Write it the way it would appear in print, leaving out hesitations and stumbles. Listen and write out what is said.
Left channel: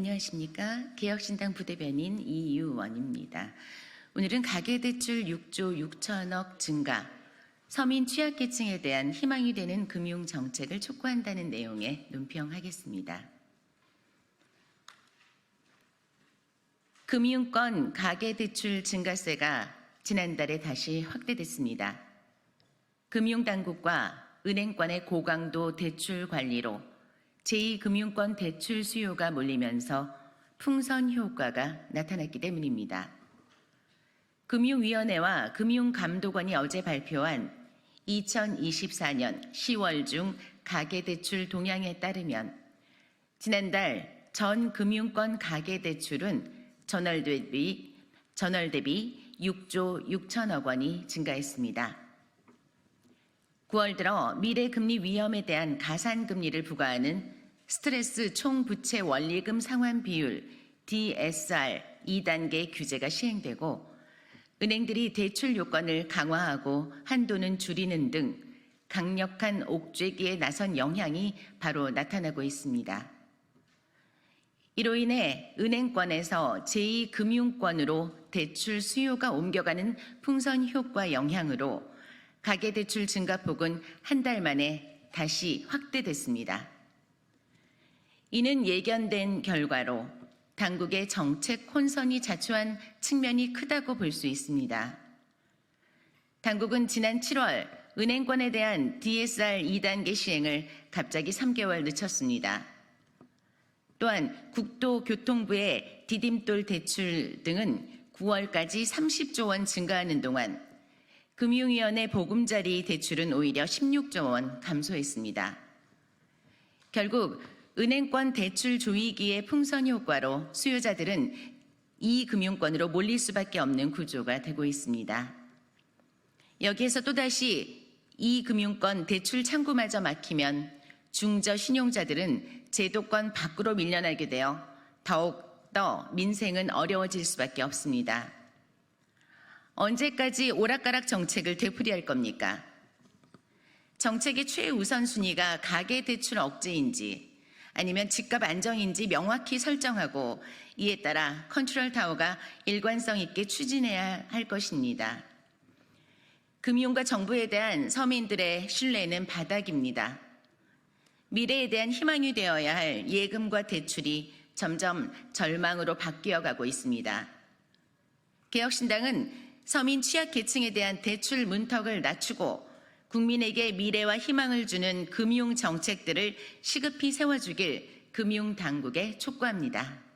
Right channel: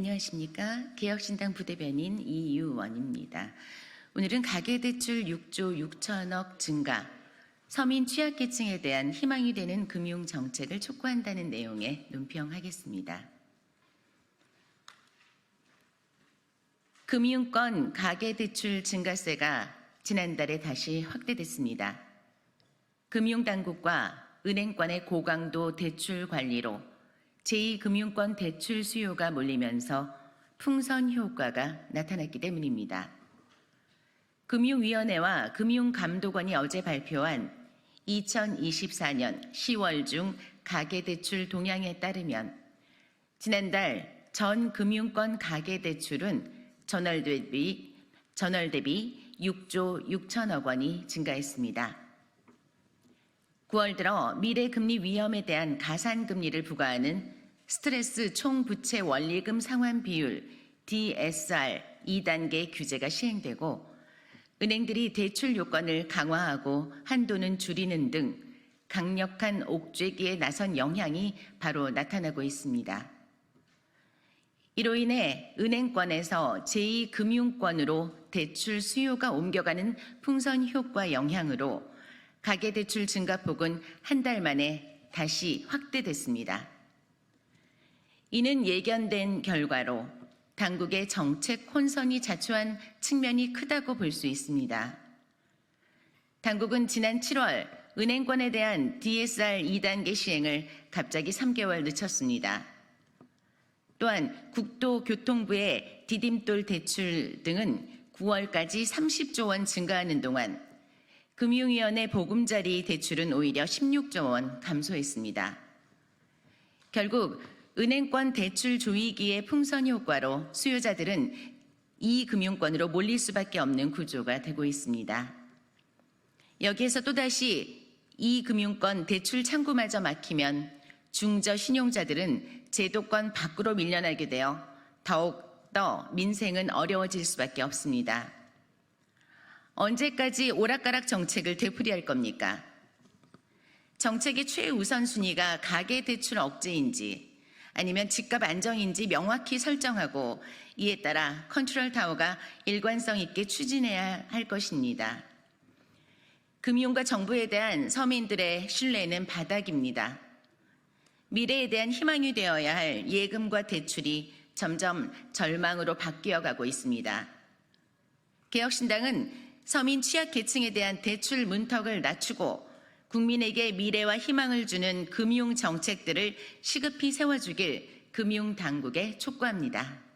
안녕하십니까. 개혁신당 부대변인 이유원입니다. 오늘은 가계대출 6조 6천억 증가, 서민 취약계층에 대한 희망이 되는 금융정책을 촉구한다는 내용에 논평하겠습니다. 금융권 가계대출 증가세가 지난달에 다시 확대됐습니다. 금융당국과 은행권의 고강도 대출 관리로 제2금융권 대출 수요가 몰리면서 풍선 효과가 나타났기 때문입니다. 금융위원회와 금융감독원이 어제 발표한 2024년 10월 중 가계대출 동향에 따르면 지난달 전 금융권 가계대출은 전월 대비 6조 6천억 원이 증가했습니다. 9월 들어 미래금리 위험에 대한 가산금리를 부과하는 스트레스 총부채 원리금 상환 비율 DSR 2단계 규제가 시행되고 은행들이 대출 요건을 강화하고 한도는 줄이는 등 강력한 옥죄기에 나선 영향이 바로 나타나고 있습니다. 이로 인해 은행권에서 제2금융권으로 대출 수요가 옮겨가는 풍선 효과 영향으로 가계대출 증가폭은 한 달 만에 다시 확대됐습니다. 이는 예견된 결과로 당국의 정책 혼선이 자초한 측면이 크다고 볼 수 있습니다. 당국은 지난 7월 은행권에 대한 DSR 2단계 시행을 갑자기 3개월 늦췄습니다. 또한 국토교통부의 디딤돌 대출 등은 9월까지 30조 원 증가하는 동안 금융위원회 보금자리 대출은 오히려 16조 원 감소했습니다. 결국 은행권 대출 조이기의 풍선 효과로 수요자들은 이 금융권으로 몰릴 수밖에 없는 구조가 되고 있습니다. 여기에서 또다시 이 금융권 대출 창구마저 막히면 중저 신용자들은 제도권 밖으로 밀려나게 되어 더욱더 민생은 어려워질 수밖에 없습니다. 언제까지 오락가락 정책을 되풀이할 겁니까? 정책의 최우선순위가 가계대출 억제인지 아니면 집값 안정인지 명확히 설정하고 이에 따라 컨트롤 타워가 일관성 있게 추진해야 할 것입니다. 금융과 정부에 대한 서민들의 신뢰는 바닥입니다. 미래에 대한 희망이 되어야 할 예금과 대출이 점점 절망으로 바뀌어가고 있습니다. 개혁신당은 서민 취약계층에 대한 대출 문턱을 낮추고 국민에게 미래와 희망을 주는 금융정책들을 시급히 세워주길 금융당국에 촉구합니다.